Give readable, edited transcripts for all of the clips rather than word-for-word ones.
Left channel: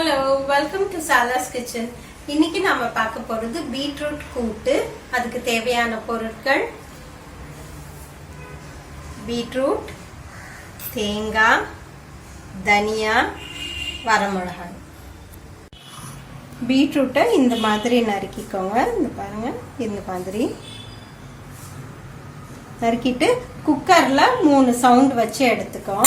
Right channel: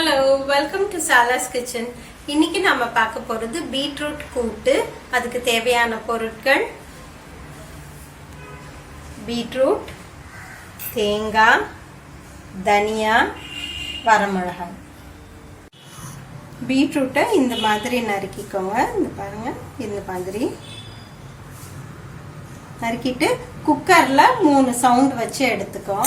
Hello, welcome to சாலாஸ் kitchen. இன்னைக்கு நாம பார்க்க போறது பீட்ரூட் கூட்டு. அதுக்கு தேவையான பொருட்கள் பீட்ரூட், தேங்காய், தனியா, வரமிளகாய். பீட்ரூட்டை இந்த மாதிரி நறுக்கிக்கோங்க. இந்த பாருங்க, இந்த மாதிரி நறுக்கிட்டு குக்கர்ல 3 சவுண்ட் வச்சு எடுத்துக்கோ.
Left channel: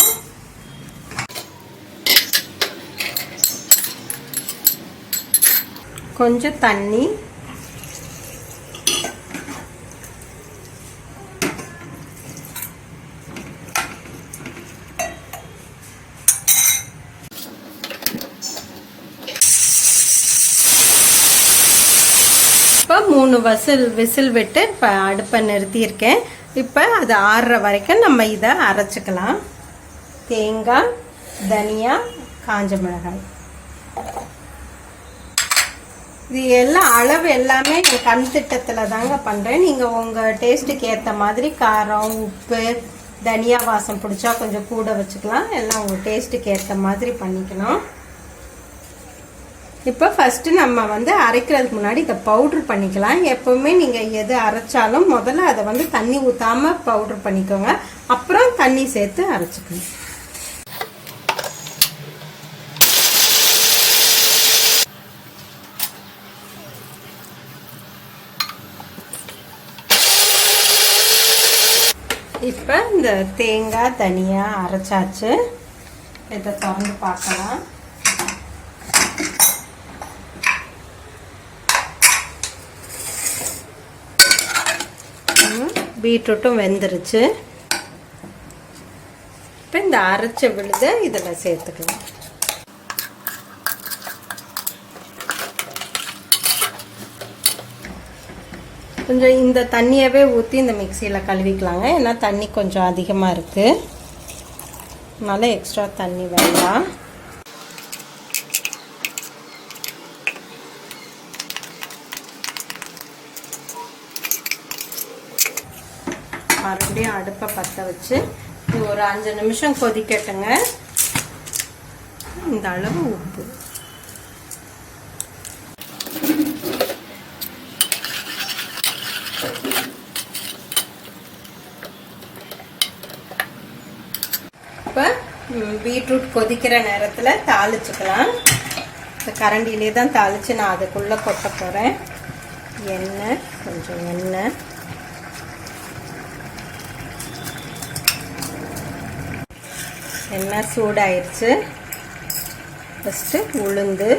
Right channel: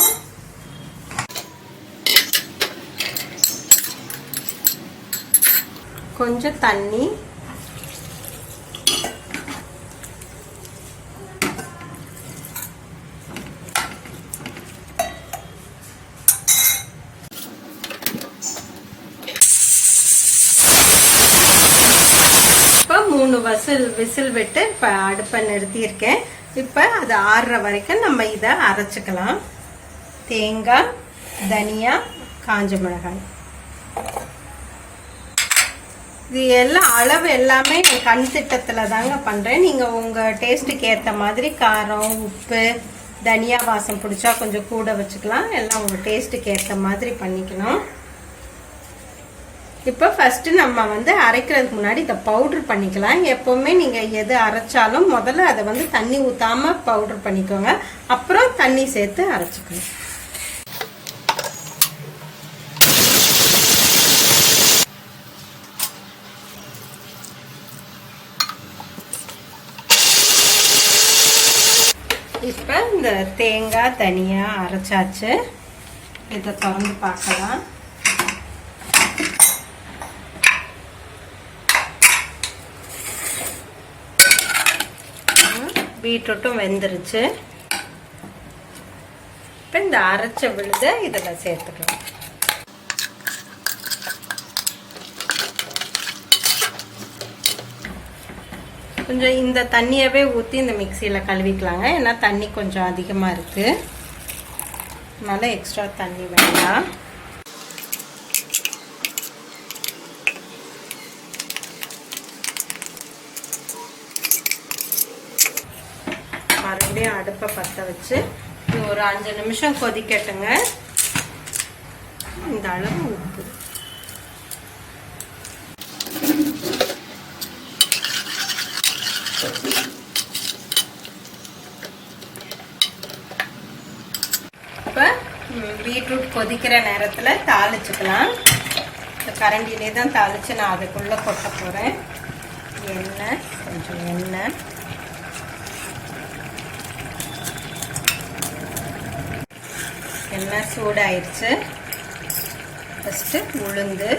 கொஞ்சம் தண்ணி, இப்போ 3 விசில் விட்டு அடுப்பை நிறுத்தியிருக்கேன். இப்போ அது ஆறுற வரைக்கும் நம்ம இதை அரைச்சிக்கலாம். தேங்காய், தனியா, காஞ்ச மிளகாய், இது எல்லாம் அளவு எல்லாமே கண் திட்டத்துல தாங்க பண்றேன். நீங்க உங்க டேஸ்ட்டுக்கு ஏத்த மாதிரி காரம், உப்பு, தனியா வாசம் பிடிச்சா கொஞ்சம் கூட வச்சுக்கலாம். எல்லாம் உங்க டேஸ்ட்டுக்கு ஏத்த மாதிரி பண்ணிக்கணும். இப்போ ஃபர்ஸ்ட் நம்ம அரைக்கிறதுக்கு முன்னாடி இதை பவுடர் பண்ணிக்கலாம். எப்பவுமே நீங்க எது அரைச்சாலும் முதல்ல அதை தண்ணி ஊத்தாம பவுடர் பண்ணிக்கோங்க. அப்புறம் தண்ணி சேர்த்து அரைச்சுக்கணும். இப்போ இந்த தேங்காய், தனியா அரைச்சாச்சு. இதை திறந்து பார்க்கலாம். பீட்ரூட்டும் வெந்துருச்சு. இப்போ இந்த அரைச்ச விழுதை இதில் சேர்த்துக்கலாம். கொஞ்சம் இந்த தண்ணியவே ஊற்றி இந்த மிக்சியில் கழுவிக்கலாங்க. ஏன்னா தண்ணி கொஞ்சம் அதிகமாக இருக்கு, அதனால எக்ஸ்ட்ரா தண்ணி வேண்டாம். மறுபடியும் அடுப்பை பற்ற வச்சு ஒரு 5 நிமிஷம் கொதிக்கட்டுங்க. இந்த அளவு உப்பு, இப்போ பீட்ரூட் கொதிக்கிற நேரத்தில் தாளிச்சுக்கலாம். இந்த கரண்டிலே தான் தாளித்து நான் அதுக்குள்ளே கொட்ட போகிறேன். எண்ணெய், கொஞ்சம் எண்ணெய் சூடாயிருச்சு. ஃபஸ்ட்டு உளுந்து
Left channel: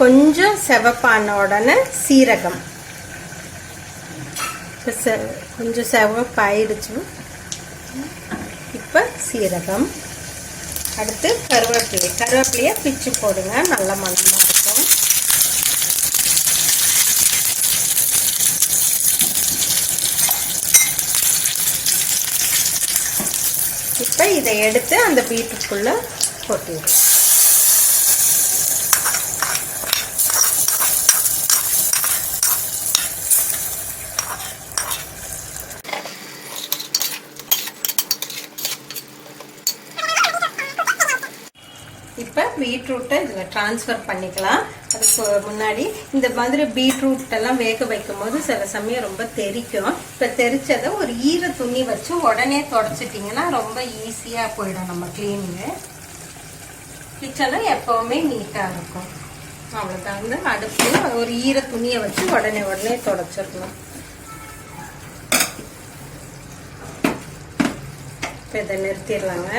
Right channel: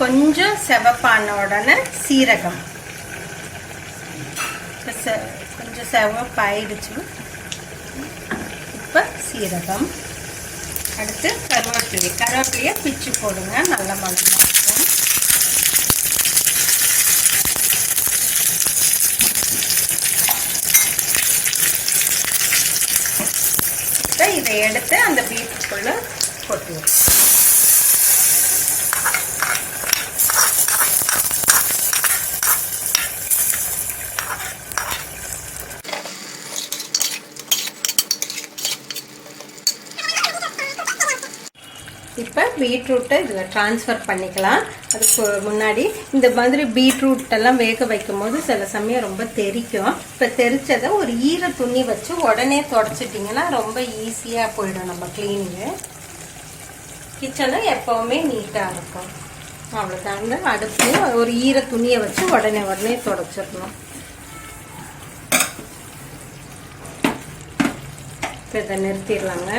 கொஞ்சம் செவப்பான உடனே சீரகம், கொஞ்சம் செவப்பாயிடுச்சு. இப்போ சீரகம், அடுத்து கருவேப்பிலையை பிச்சு போடுங்க. நல்ல மணமாக இருக்கும். இப்போ இதை எடுத்து அந்த பீட்ரூட்டுக்குள்ள கொட்டிடுவோம். இப்போ பீட்ரூட்டை இதில் ட்ரான்ஸ்ஃபர் பண்ணிக்கலாம். அதுக்கு முன்னாடி இந்த மாதிரி பீட்ரூட் எல்லாம் வேக வைக்கும் போது சில சமயம் ரொம்ப தெறிக்கும். இப்போ தெரிச்சதை ஒரு ஈர துணி வச்சு உடனே தொடச்சிட்டிங்கன்னா ரொம்ப ஈஸியாக போயிடும். நம்ம கிளீனிங்கு கிச்சனில் எப்பவுமே நீட்டாக இருக்கும். அவ்வளோதான். அடுப்பு ஒரு ஈர துணியை வச்சு உடனே தொடச்சிடணும். இப்போ இதை நிறுத்திடலாங்க.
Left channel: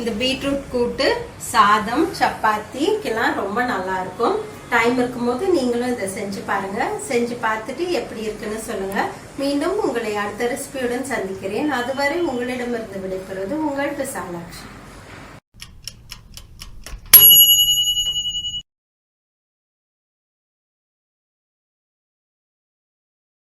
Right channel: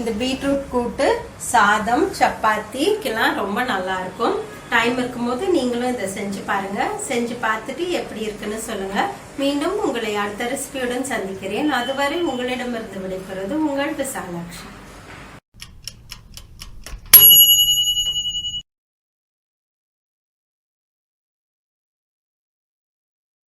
இந்த பீட்ரூட் கூட்டு சாதம், சப்பாத்திக்கெல்லாம் ரொம்ப நல்லா இருக்கும். டைம் இருக்கும்போது நீங்களும் இதை செஞ்சு பாருங்க. செஞ்சு பார்த்துட்டு எப்படி இருக்குன்னு சொல்லுங்க. மீண்டும் உங்களை அடுத்த ரெசிபியுடன் சந்திக்கிறேன். அதுவரை உங்களிடமிருந்து விடைபெறுவது உங்கள் விசாலாட்சி.